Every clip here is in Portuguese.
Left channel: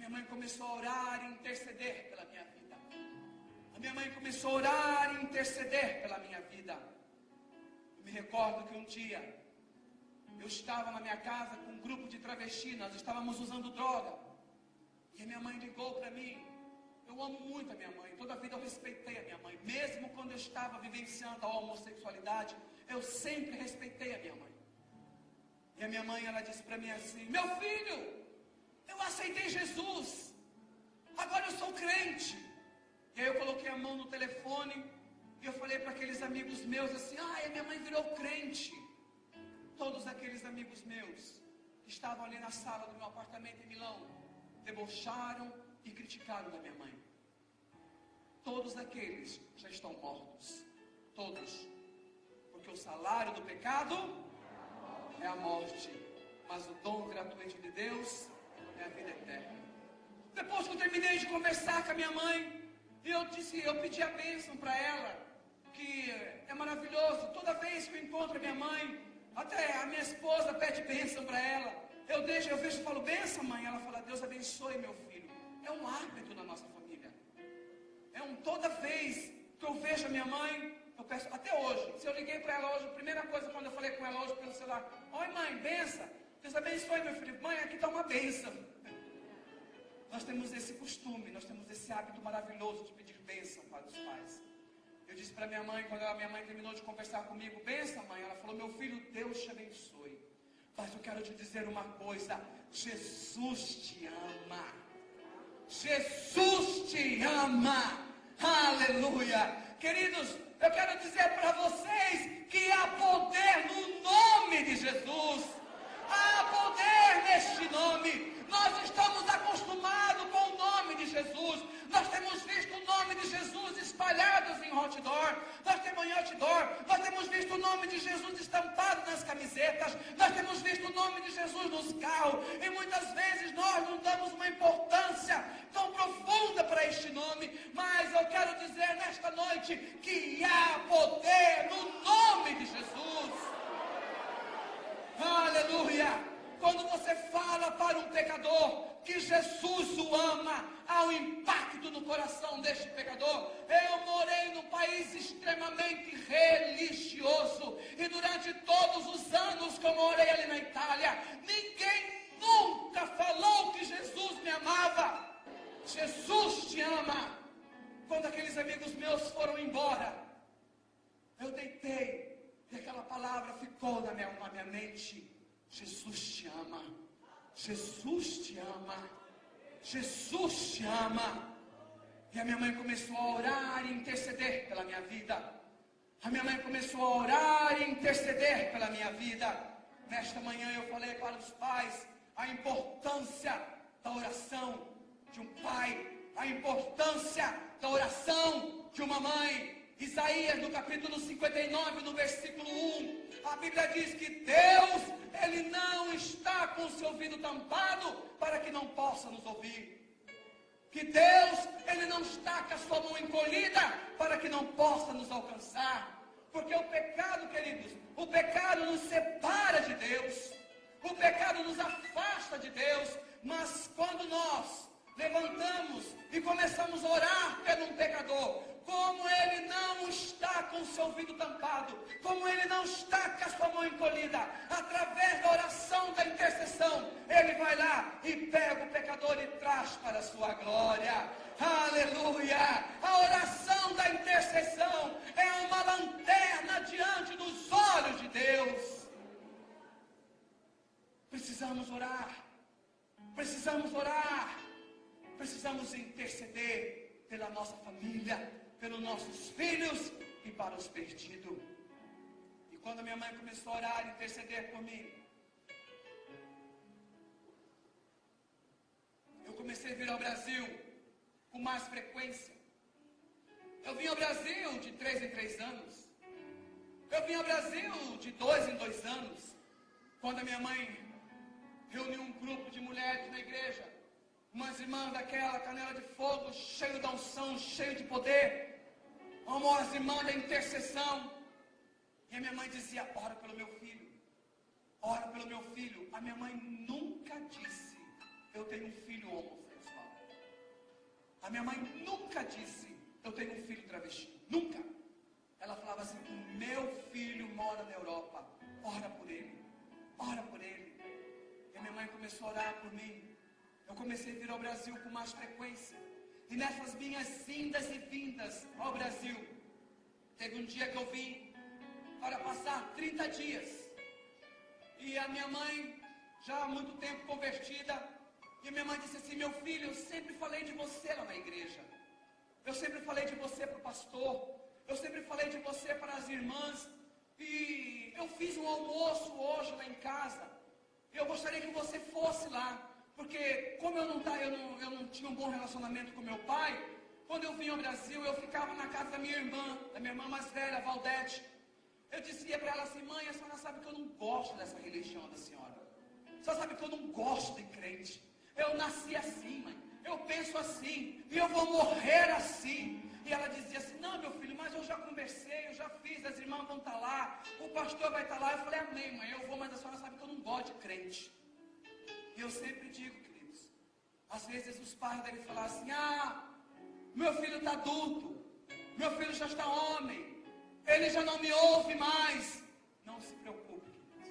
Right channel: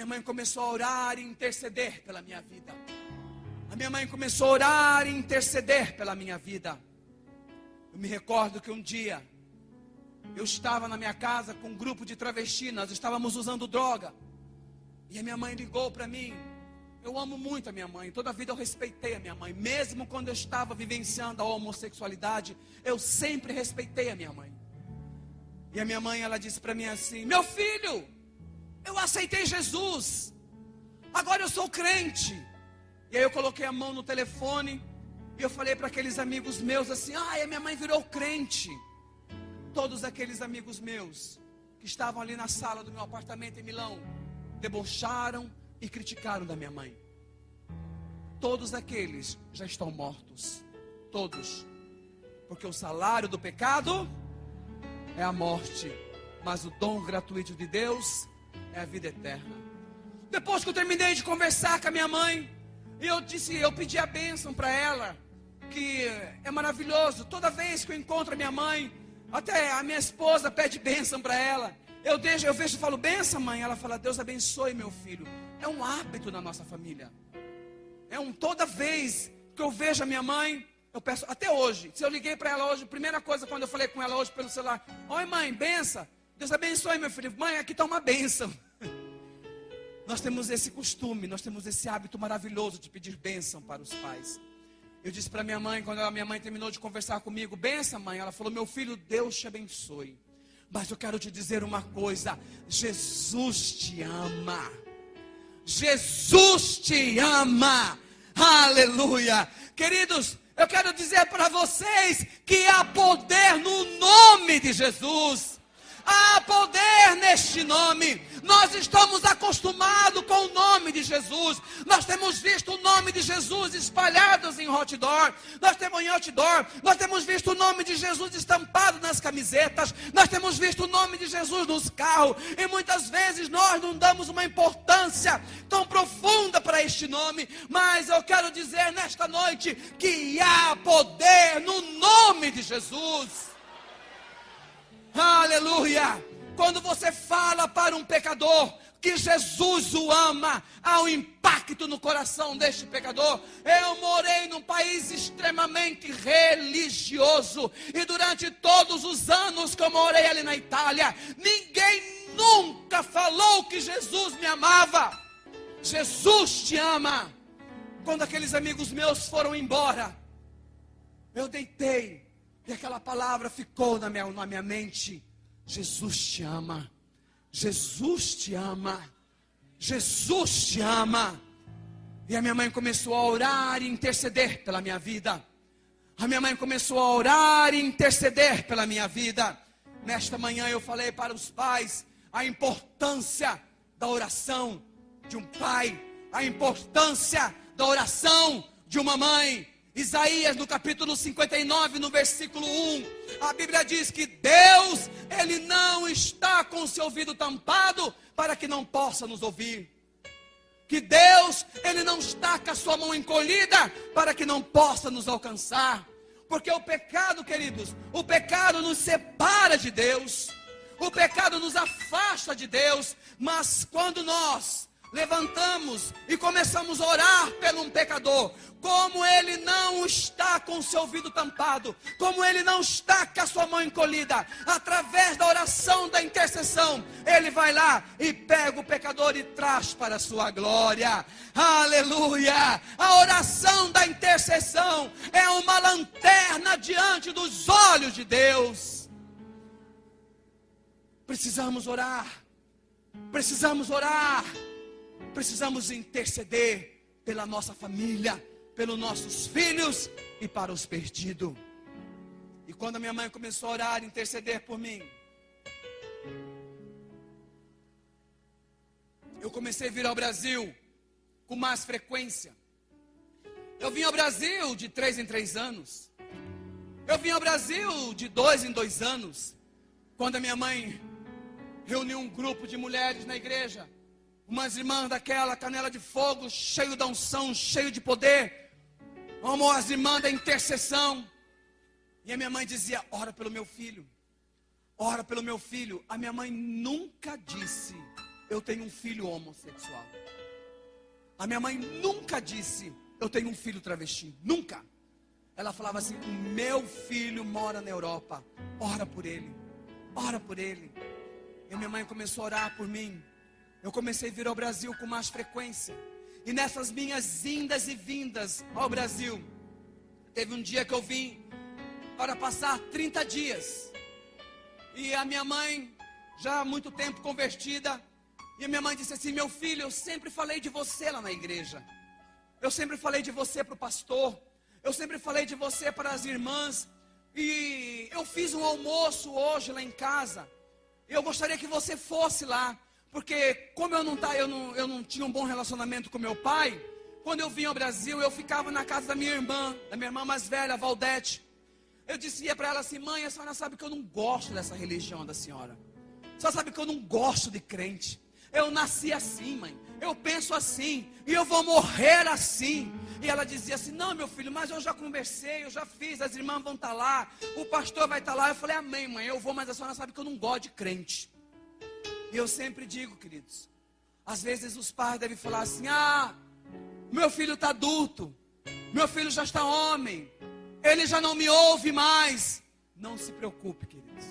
minha mãe começou a orar e interceder pela minha vida. A minha mãe começou a orar e interceder pela minha vida. Eu me recordo que um dia eu estava na minha casa com um grupo de travestis, nós estávamos usando droga. E a minha mãe ligou para mim. Eu amo muito a minha mãe, toda a vida eu respeitei a minha mãe. Mesmo quando eu estava vivenciando a homossexualidade, eu sempre respeitei a minha mãe. E a minha mãe, ela disse para mim assim: meu filho, eu aceitei Jesus, agora eu sou crente. E aí eu coloquei a mão no telefone e eu falei para aqueles amigos meus assim: a minha mãe virou crente. Todos aqueles amigos meus que estavam ali na sala do meu apartamento em Milão debocharam e criticaram da minha mãe. Todos aqueles já estão mortos. Todos. Porque o salário do pecado é a morte, mas o dom gratuito de Deus é a vida eterna. Depois que eu terminei de conversar com a minha mãe, eu pedi a bênção para ela, que é maravilhoso. Toda vez que eu encontro a minha mãe, até a minha esposa pede bênção para ela. Eu vejo e falo: bênção, mãe. Ela fala: Deus abençoe, meu filho. É um hábito na nossa família. Toda vez que eu vejo a minha mãe, eu peço, até hoje. Se eu liguei para ela hoje, a primeira coisa quando eu falei com ela hoje pelo celular: oi mãe, benção. Deus abençoe, meu filho. Mãe, aqui está uma bênção. Nós temos esse costume, nós temos esse hábito maravilhoso de pedir bênção para os pais. Eu disse para minha mãe, quando a minha mãe terminou de conversar comigo: benção, mãe. Ela falou: meu filho, Deus te abençoe. Mas eu quero te dizer uma coisa: Jesus te ama. Jesus te ama. Aleluia. Queridos, eu quero dizer para vocês que há poder no nome de Jesus. Há poder neste nome. Nós estamos acostumados com o nome de Jesus. Nós temos visto o nome de Jesus espalhados em outdoor. Nós temos visto o nome de Jesus estampado nas camisetas. Nós temos visto o nome de Jesus nos carros. E muitas vezes nós não damos uma importância tão profunda para este nome. Mas eu quero dizer nesta noite que há poder no nome de Jesus. Aleluia! Quando você fala para um pecador que Jesus o ama, há um impacto no coração deste pecador. Eu morei num país extremamente religioso, e durante todos os anos que eu morei ali na Itália, ninguém nunca falou que Jesus me amava. Jesus te ama. Quando aqueles amigos meus foram embora, eu deitei e aquela palavra ficou na minha mente: Jesus te ama. Jesus te ama. Jesus te ama. E a minha mãe começou a orar e interceder pela minha vida. A minha mãe começou a orar e interceder pela minha vida. Nesta manhã eu falei para os pais a importância da oração de um pai, a importância da oração de uma mãe. Isaías, no capítulo 59, no versículo 1, a Bíblia diz que Deus, Ele não está com o seu ouvido tampado para que não possa nos ouvir. Que Deus, Ele não está com a sua mão encolhida para que não possa nos alcançar. Porque o pecado, queridos, o pecado nos separa de Deus, o pecado nos afasta de Deus. Mas quando nós levantamos e começamos a orar por um pecador, como ele não está com o seu ouvido tampado, como ele não está com a sua mão encolhida, através da oração, da intercessão, ele vai lá e pega o pecador e traz para a sua glória. Aleluia! A oração da intercessão é uma lanterna diante dos olhos de Deus. Precisamos orar. Precisamos orar. Precisamos interceder pela nossa família, pelos nossos filhos e para os perdidos. E quando a minha mãe começou a orar e interceder por mim, eu comecei a vir ao Brasil com mais frequência. Eu vim ao Brasil de 3 em 3 anos. Eu vim ao Brasil de 2 em 2 anos. Quando a minha mãe reuniu um grupo de mulheres na igreja, umas irmãs daquela canela de fogo, cheio da unção, cheio de poder, as irmãs da intercessão. E a minha mãe dizia: ora pelo meu filho, ora pelo meu filho. A minha mãe nunca disse: eu tenho um filho homossexual. A minha mãe nunca disse, eu tenho um filho travesti. Nunca. Ela falava assim, o meu filho mora na Europa. Ora por ele. Ora por ele. E minha mãe começou a orar por mim. Eu comecei a vir ao Brasil com mais frequência. E nessas minhas indas e vindas ao Brasil, teve um dia que eu vim para passar 30 dias. E a minha mãe, já há muito tempo convertida, e a minha mãe disse assim, meu filho, eu sempre falei de você lá na igreja. Eu sempre falei de você para o pastor. Eu sempre falei de você para as irmãs. E eu fiz um almoço hoje lá em casa. Eu gostaria que você fosse lá. Porque como eu não tinha um bom relacionamento com meu pai, quando eu vim ao Brasil, eu ficava na casa da minha irmã mais velha, Valdete. Eu dizia para ela assim, mãe, a senhora sabe que eu não gosto dessa religião da senhora. A senhora sabe que eu não gosto de crente. Eu nasci assim, mãe. Eu penso assim. E eu vou morrer assim. E ela dizia assim, não, meu filho, mas eu já conversei, eu já fiz, as irmãs vão estar lá, o pastor vai estar lá. Eu falei, amém, mãe, eu vou, mas a senhora sabe que eu não gosto de crente. E eu sempre digo, queridos, às vezes os pais devem falar assim, meu filho está adulto, meu filho já está homem, ele já não me ouve mais. Não se preocupe, queridos,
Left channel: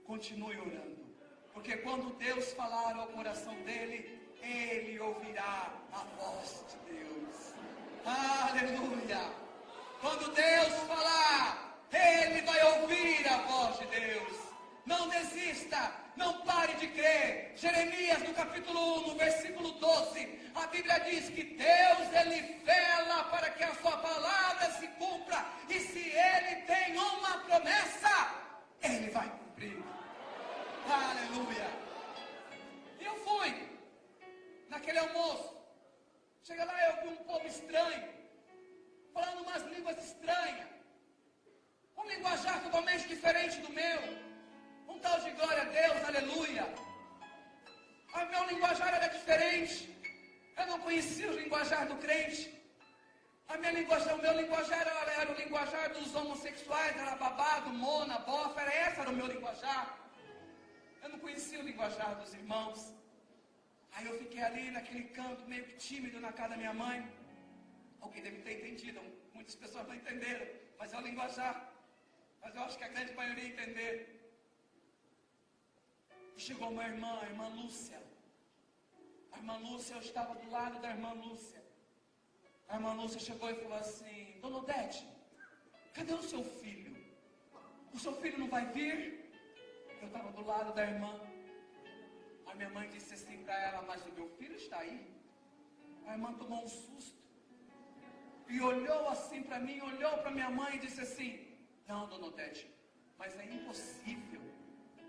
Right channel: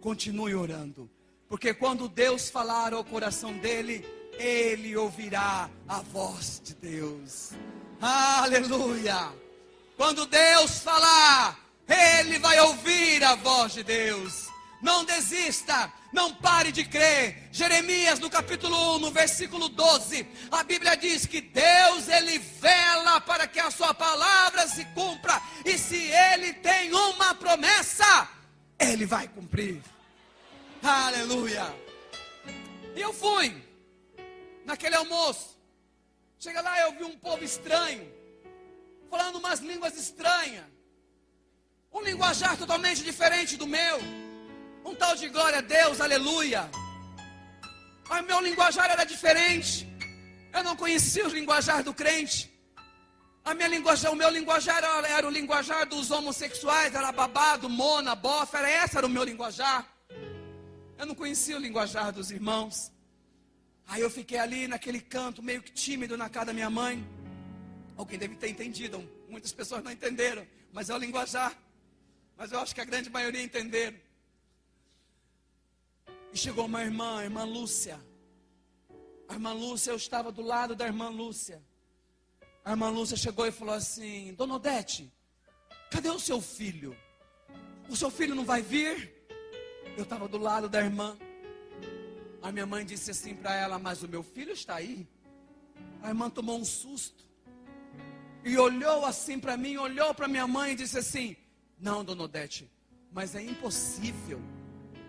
continue orando, porque quando Deus falar ao coração dele, ele ouvirá a voz de Deus. Aleluia! Quando Deus falar, ele vai ouvir a voz de Deus. Não desista, não pare de crer. Jeremias no capítulo 1, no versículo 12, a Bíblia diz que Deus, ele vela para que a sua palavra se cumpra. E se ele tem uma promessa, ele vai cumprir. Aleluia! E eu fui naquele almoço. Chega lá, eu vi um povo estranho, falando umas línguas estranhas, um linguajar totalmente diferente do meu, um tal de glória a Deus, aleluia. Mas meu linguajar era diferente, eu não conhecia o linguajar do crente. O meu linguajar era o linguajar dos homossexuais, era babado, mona, bofa, esse era o meu linguajar. Eu não conhecia o linguajar dos irmãos. Aí eu fiquei ali naquele canto, meio que tímido na casa da minha mãe. Alguém deve ter entendido, muitas pessoas não entenderam, mas é o linguajar. Mas eu acho que a grande maioria entenderam. E chegou uma irmã, a irmã Lúcia. A irmã Lúcia, eu estava do lado da irmã Lúcia. A irmã Lúcia chegou e falou assim, Dona Odete, cadê o seu filho? O seu filho não vai vir? Eu estava do lado da irmã. A minha mãe disse assim para ela, mas o meu filho está aí. A irmã tomou um susto. E olhou assim para mim, olhou para minha mãe e disse assim, não, Dona Odete, mas é impossível.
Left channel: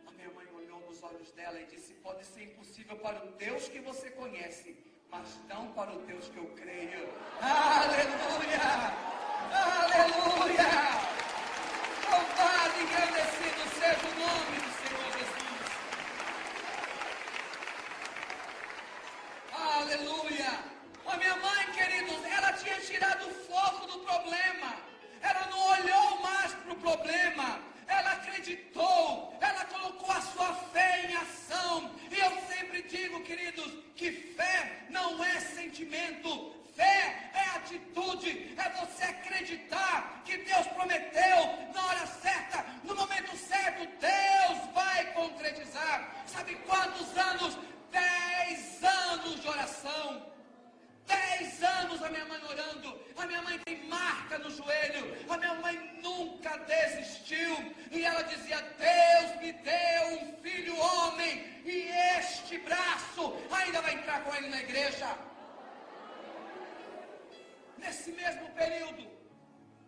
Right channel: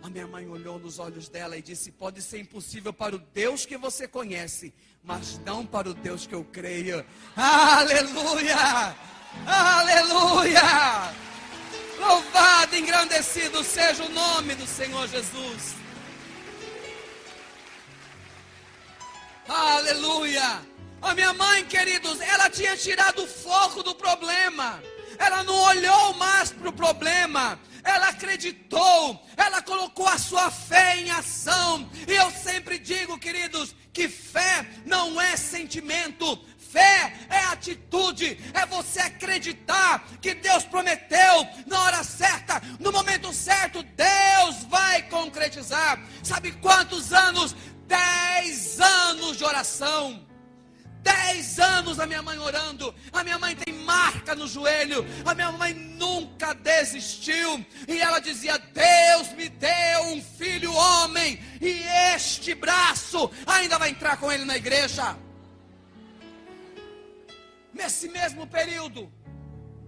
A minha mãe olhou nos olhos dela e disse, pode ser impossível para o Deus que você conhece, mas não para o Deus que eu creio. Aleluia! Aleluia! Louvado e engrandecido seja o nome do Senhor Jesus. Aleluia! A minha mãe, queridos, ela tinha tirado o foco do problema. Ela não olhou mais para o problema. Ela acreditou. Ela colocou a sua fé em ação. E eu sempre digo, queridos, que fé não é sentimento. Fé é atitude. É você acreditar que Deus prometeu na hora certa, no momento certo, Deus vai concretizar. Sabe quantos anos? 10 anos de oração. 10 anos a minha mãe orando. A minha mãe tem marca no joelho. A minha mãe nunca desistiu. E ela dizia, Deus me deu um filho homem, e este braço ainda vai entrar com ele na igreja. Nesse mesmo período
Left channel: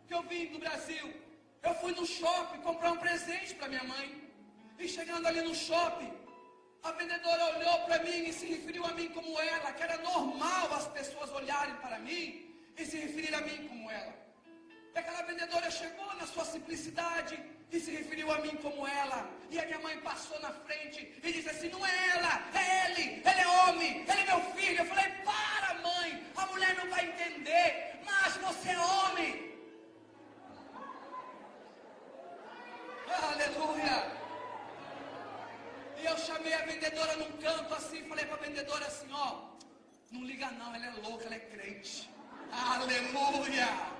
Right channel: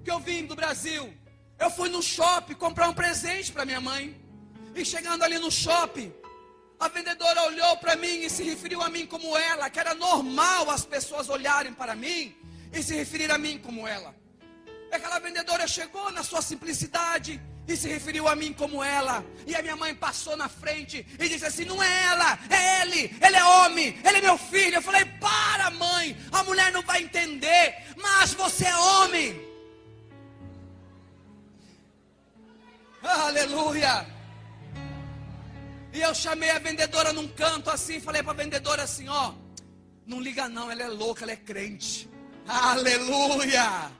que eu vim do Brasil, eu fui no shopping comprar um presente para minha mãe. E chegando ali no shopping, a vendedora olhou para mim e se referiu a mim como ela, que era normal as pessoas olharem para mim e se referir a mim como ela. Aquela vendedora chegou na sua simplicidade e se referiu a mim como ela. E a minha mãe passou na frente e disse assim, não é ela, é ele é homem, ele é meu filho. Eu falei, para mãe, a mulher não vai entender, mas você é homem. Aleluia. E eu chamei a vendedora num canto assim, falei para a vendedora assim, ó, não liga não, ela é louca, ela é crente. Aleluia!